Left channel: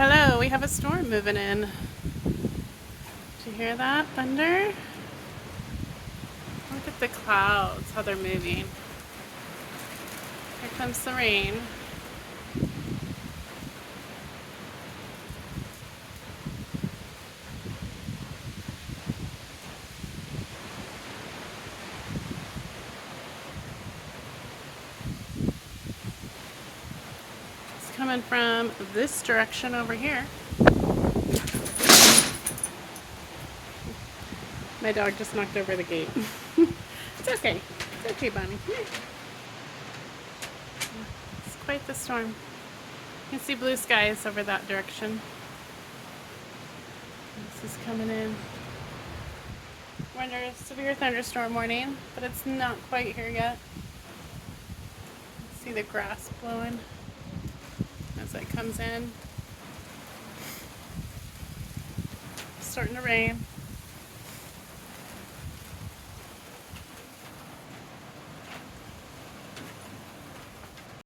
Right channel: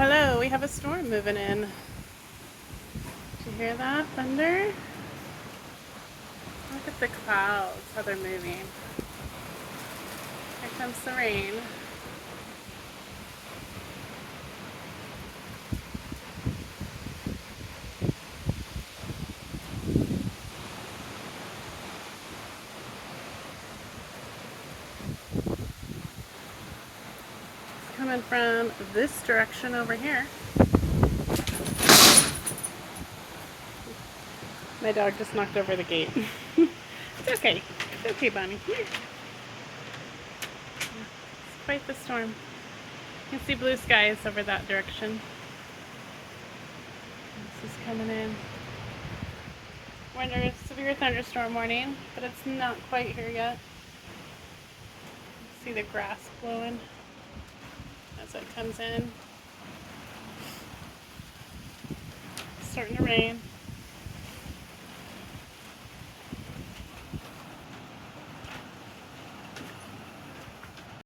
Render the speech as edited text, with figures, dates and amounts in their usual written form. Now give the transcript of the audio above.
hello, we have a storm moving in. Did you hear that? Thunder? Look at the clouds, how they're moving. Here comes the rain. It's coming from this direction over here. My dog just knocked over the gate. It's okay. It's okay, Bonnie. Here. It's quite the storm. You can see blue skies over that direction. This is coming in. We're under a severe thunderstorm warning, but it's not quite here yet. See the grass blowing as it comes in. It's starting to rain.